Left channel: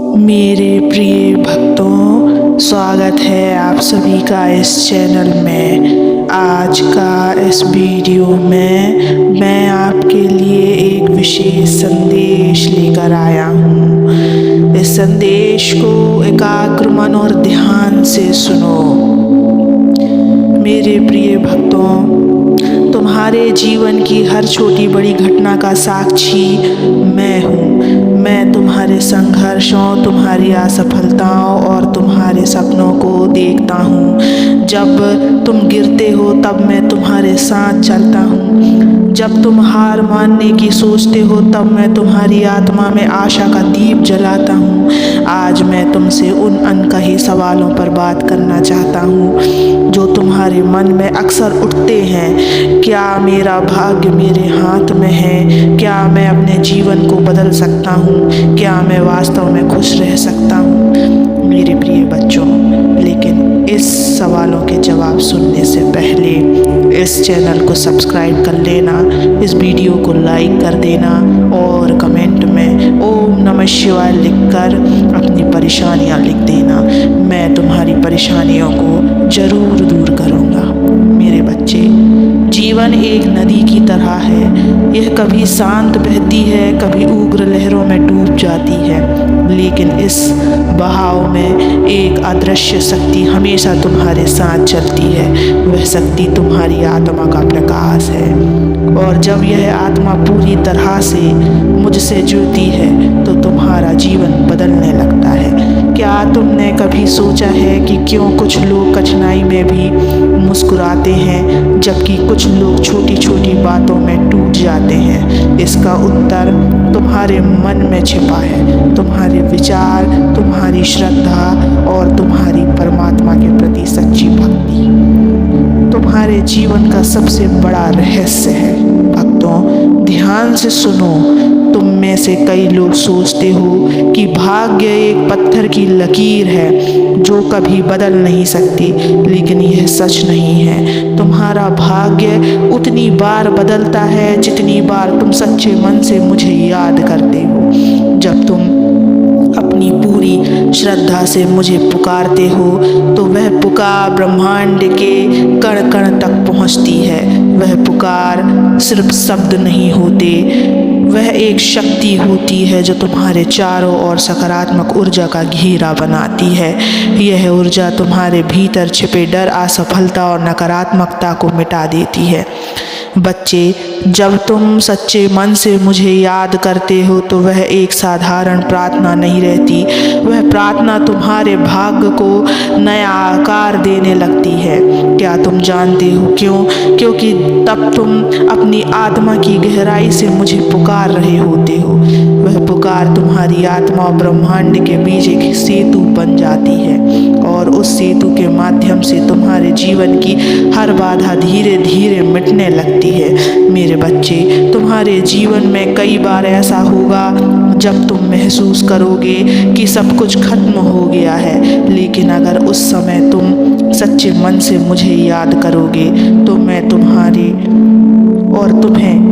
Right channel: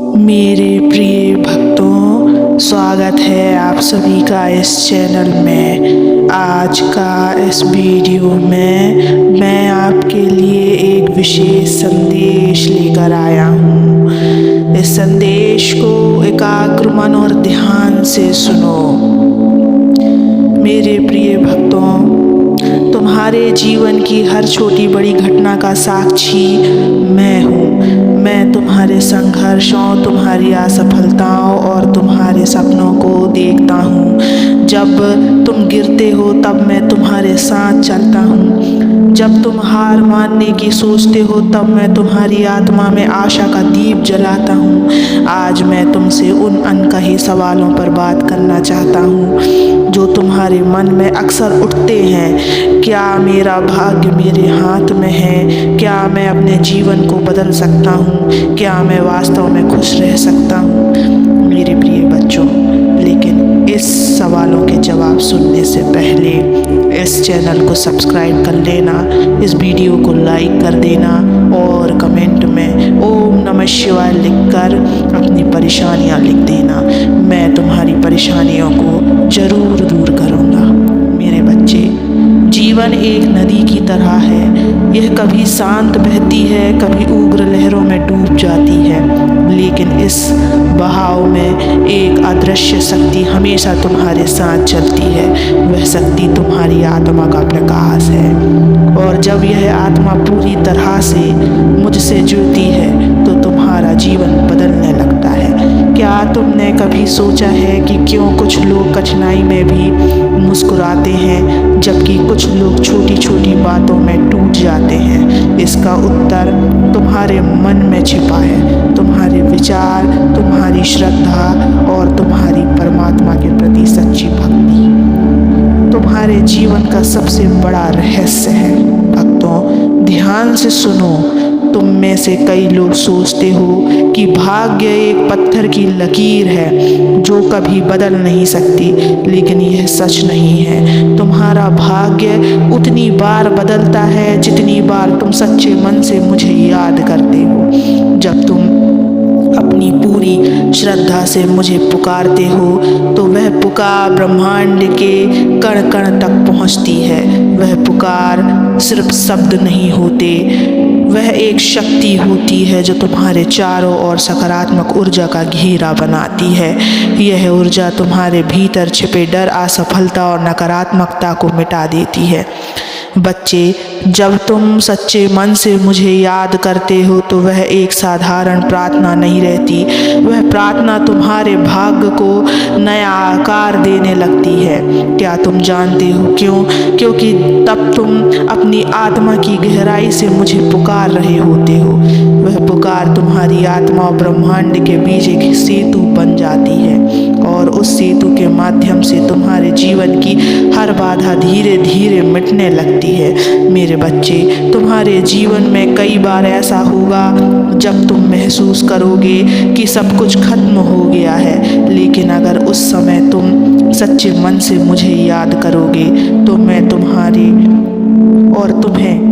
मेरे प्रिय भक्तों, स्वागत है आप सभी का इस चैनल में। आज का इस वीडियो में मैं आपके लिए एक विशेष संदेश लेकर आया हूँ। इस संदेश को एकाग्र मन और ध्यान से सुनो। मेरे प्रिय भक्तों, तुम्हारे जीवन की हर छोटी बड़ी घटना का साक्षी मैं हूँ। मैं तुम्हारे संघर्षों, तुम्हारी असफलताओं और तुम्हारे सपनों को देखता हूँ। जब तुम गिरते हो तब मैं तुम्हारे साथ चलता हूँ। जब तुम हार मानने की सोचते हो तब मैं तुम्हारी आत्मा में आशा का दीप जलाता हूँ। आज मैं तुमसे उन अनकही सवालों पर बात करना चाहता हूँ जो तुम्हारे मन में अक्सर उठते हैं। क्या मेरा भाग्य मेरे हाथ में है? क्या मैं अपने जीवन को बदल सकता हूँ? क्या मैं वास्तव में खुश रह सकता हूँ? मेरे प्रिय बच्चों, लेकिन इस सवालों के जवाब सुनने से पहले इस चैनल को सब्सक्राइब कर लेना, इस वीडियो को लाइक कर देना और कमेंट में ओम नमः शिवाय लिखकर अपनी परेशानियाँ लिख देना। मैं तुम्हारी परेशानियों को ज़रूर दूर करूँगा। मेरे बच्चे, जीवन एक नदी की तरह है। यह कभी शांत बहती है, कभी उग्र लहरों में डूब जाती है, लेकिन इस बहाव में एक अदृश्य शक्ति हमेशा तुम्हारे साथ चलती है। वह शक्ति तुम्हारी आत्मा का प्रकाश है, और जब यह आत्मा पूरी तरह से मुझसे जुड़ती है तो तुम्हारा जीवन बदलने लगता है। क्या तुमने कभी सोचा है कि क्यों कुछ लोग कठिनाई में भी मुस्कुराते हैं जबकि कुछ लोग छोटी छोटी बातों में टूट जाते हैं? इसका उत्तर तुम्हारे मन में छिपा है। तुम्हारे विचार, तुम्हारी श्रद्धा और तुम्हारी परमात्मा के प्रति सच्ची भक्ति तुम्हारे जीवन का सबसे बड़ा रहस्य है। भक्तों, ध्यान से सुनो। तुम में से कई लोग सोचते हो कि भाग्य एक पत्थर की लकीर है जो कभी बदल नहीं सकती, लेकिन यह सच नहीं है। तुम्हारा भाग्य उतनी बार बदलता है जितनी बार तुम सच्चे मन से मुझे याद करते हो। जब तुम अपनी पूरी श्रद्धा से मुझे पुकारते हो तो वह पुकार ब्रह्मांड के कण कण तक पहुंचती है। वह पुकार सिर्फ शब्द नहीं होते, वह एक शक्ति होती है जो तुम्हारे चारों ओर सकारात्मक ऊर्जा का घेरा बनाती है। यह ऊर्जा तुम्हारे भीतर छिपे डर, असफलता और नकारात्मकता को मिटा देती है। बच्चे, जब तुम सच्चे मन से मुझे याद करते हो तो वह एक साधारण प्रार्थना नहीं रहती। वह प्रार्थना तुम्हारे भाग्य को नया आकार देने लगती है। क्या तुम जानते हो क्यों? क्योंकि तब तुम अपनी आत्मा की गहराई से मुझे पुकार रहे होते हो। वह पुकार तुम्हारी आत्मा और ब्रह्मांड के बीच एक सेतु बन जाती है, और उस सेतु के माध्यम से तुम्हारे जीवन की हर बाधा धीरे धीरे मिटने लगती है। मेरे बच्चे, तुम्हारे जीवन में कई बार ऐसा होगा जब तुम महसूस करोगे कि सब कुछ खत्म हो गया है, लेकिन अगर उस समय तुम सच्चे मन से मुझे याद करोगे तो मैं तुम्हें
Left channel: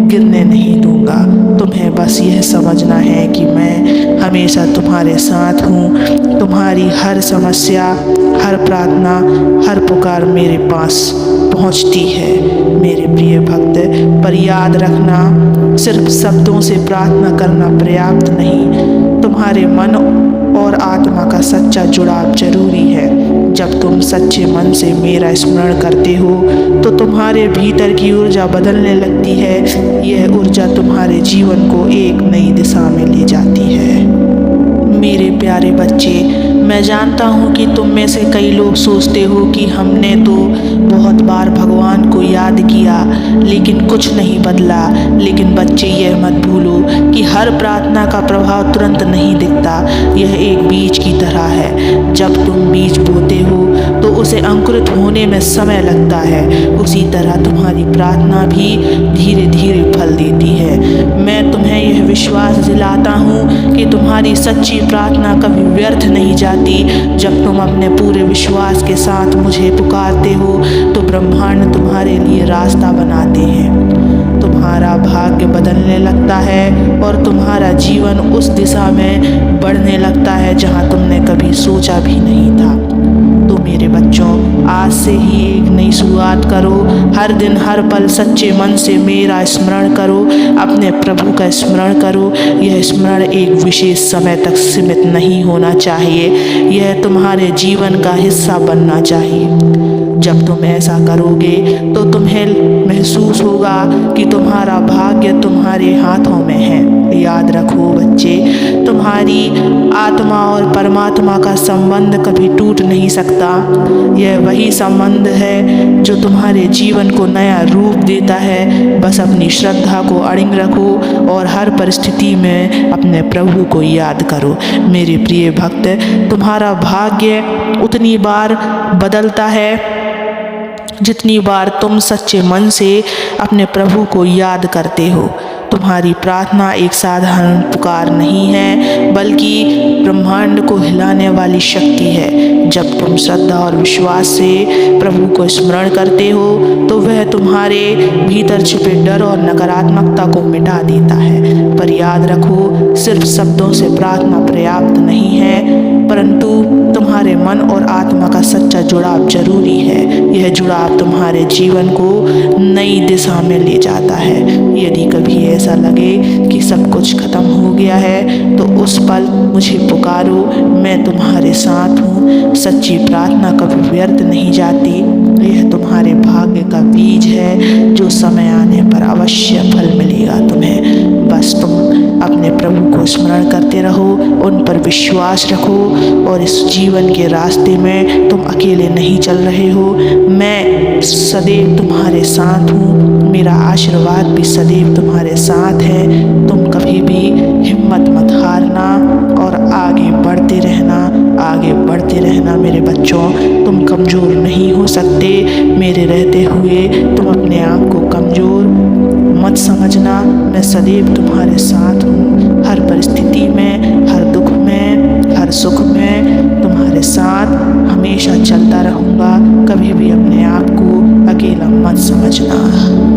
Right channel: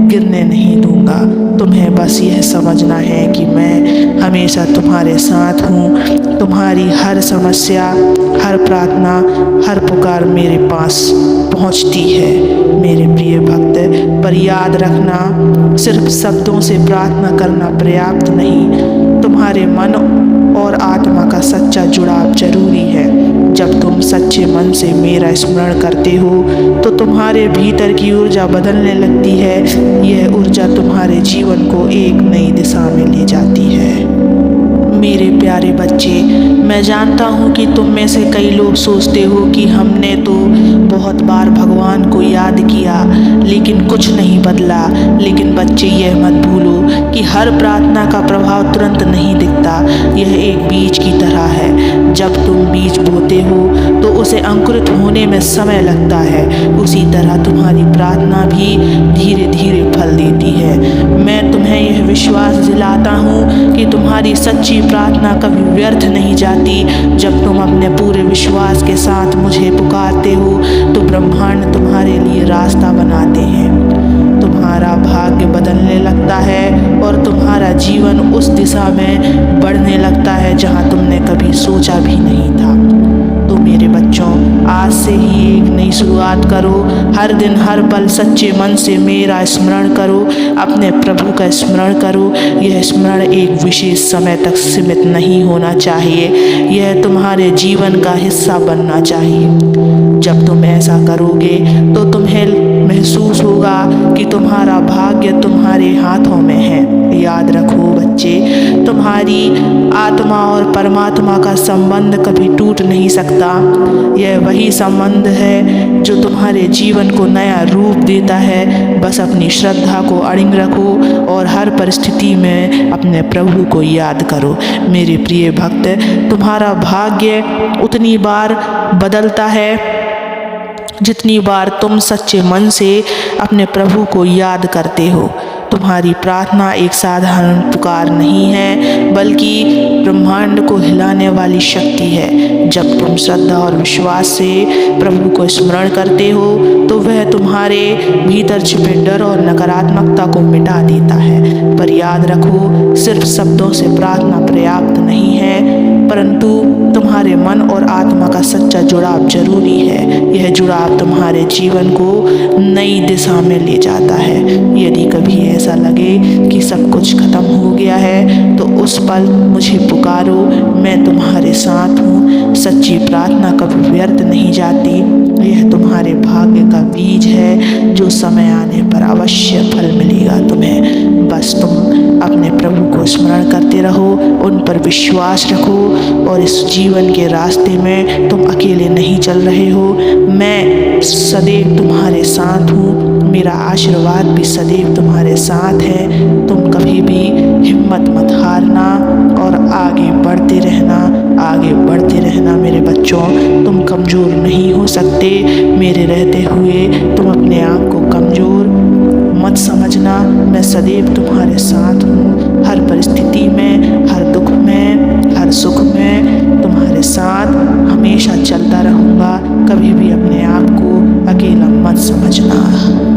गिरने नहीं दूंगा। तुम्हें बस यह समझना है कि मैं हमेशा तुम्हारे साथ हूँ। तुम्हारी हर समस्या, हर प्रार्थना, हर पुकार मेरे पास पहुँचती है। मेरे प्रिय भक्त, पर याद रखना, सिर्फ शब्दों से प्रार्थना करना पर्याप्त नहीं। तुम्हारे मन और आत्मा का सच्चा जुड़ाव जरूरी है। जब तुम सच्चे मन से मेरा स्मरण करते हो तो तुम्हारे भीतर की ऊर्जा बदलने लगती है। यह ऊर्जा तुम्हारे जीवन को एक नई दिशा में ले जाती है। मेरे प्यारे बच्चे, मैं जानता हूँ कि तुम में से कई लोग सोचते हो कि हमने तो बहुत बार भगवान को याद किया लेकिन कुछ नहीं बदला। लेकिन बच्चे, यह मत भूलो कि हर प्रार्थना का प्रभाव तुरंत नहीं दिखता। यह एक बीज की तरह है। जब तुम बीज बोते हो तो उसे अंकुरित होने में समय लगता है। उसी तरह तुम्हारी प्रार्थना भी धीरे धीरे फल देती है। मैं तुम्हें यह विश्वास दिलाता हूँ कि तुम्हारी सच्ची प्रार्थना कभी व्यर्थ नहीं जाती। जब तुम अपने पूरे विश्वास के साथ मुझे पुकारते हो तो ब्रह्मांड तुम्हारे लिए रास्ता बनाते हैं। तुम्हारा भाग्य बदलने लगता है और तुम्हारा जीवन उस दिशा में बढ़ने लगता है जहाँ तुमने कभी सोचा भी नहीं था। तो मेरे बच्चों, आज से ही एक नई शुरुआत करो। हर दिन हर पल सच्चे मन से मेरा स्मरण करो, अपने प्रभु का स्मरण करो। यह स्मरण एक विशेष समय तक सीमित नहीं होना चाहिए, यह तुम्हारे जीवन का हिस्सा बनना चाहिए। जब तुम ऐसा करोगे तो तुम्हें महसूस होगा कि तुम्हारा भाग्य तुम्हारे हाथों में है। याद रखो बच्चे, तुम्हारी आत्मा और परमात्मा का संबंध कभी टूट नहीं सकता। यह वही संबंध है जो तुम्हारे जीवन को नया रूप देता है। बस अपनी श्रद्धा को अड़िग रखो और हर परिस्थिति में अपने प्रभु को याद करो। मेरे प्रिय भक्त, तुम्हारा भाग्य उतनी बार बदलता है जितनी बार तुम सच्चे मन से अपने प्रभु को याद करते हो। तुम्हारी प्रार्थना एक साधारण पुकार नहीं है, बल्कि ब्रह्मांड को हिलाने वाली शक्ति है। जब तुम श्रद्धा और विश्वास से प्रभु को स्मरण करते हो तो वह तुम्हारे भीतर छिपे डर और नकारात्मकता को मिटा देता है। पर याद रखो, सिर्फ शब्दों से प्रार्थना पर्याप्त नहीं है, परंतु तुम्हारे मन और आत्मा का सच्चा जुड़ाव जरूरी है। यह जुड़ाव तुम्हारे जीवन को नई दिशा में ले जाता है। यदि कभी ऐसा लगे कि सब कुछ खत्म हो गया है तो उस पल मुझे पुकारो, मैं तुम्हारे साथ हूँ। सच्ची प्रार्थना कभी व्यर्थ नहीं जाती। यह तुम्हारे भाग्य का बीज है जो समय आने पर अवश्य फल मिलेगा तुम्हें। बस तुम अपने प्रभु को स्मरण करते रहो, उन पर विश्वास रखो और इस जीवन के रास्ते में तुम अकेले नहीं चल रहे हो। मैं सदैव तुम्हारे साथ हूँ, मेरा आशीर्वाद भी सदैव तुम्हारे साथ है। तुम कभी भी हिम्मत मत हारना और आगे बढ़ते रहना, आगे बढ़ते रहना मेरे बच्चों। तुम कमज़ोर नहीं हो सकते। मेरे रहते हुए तुम अपने आप को कमज़ोर मत समझना। मैं सदैव तुम्हारे साथ हूँ, हर परिस्थिति में, हर दुख में, हर सुख में तुम्हारे साथ हमेशा चलता रहूँगा। कभी भी अपने आप को अकेला मत समझना।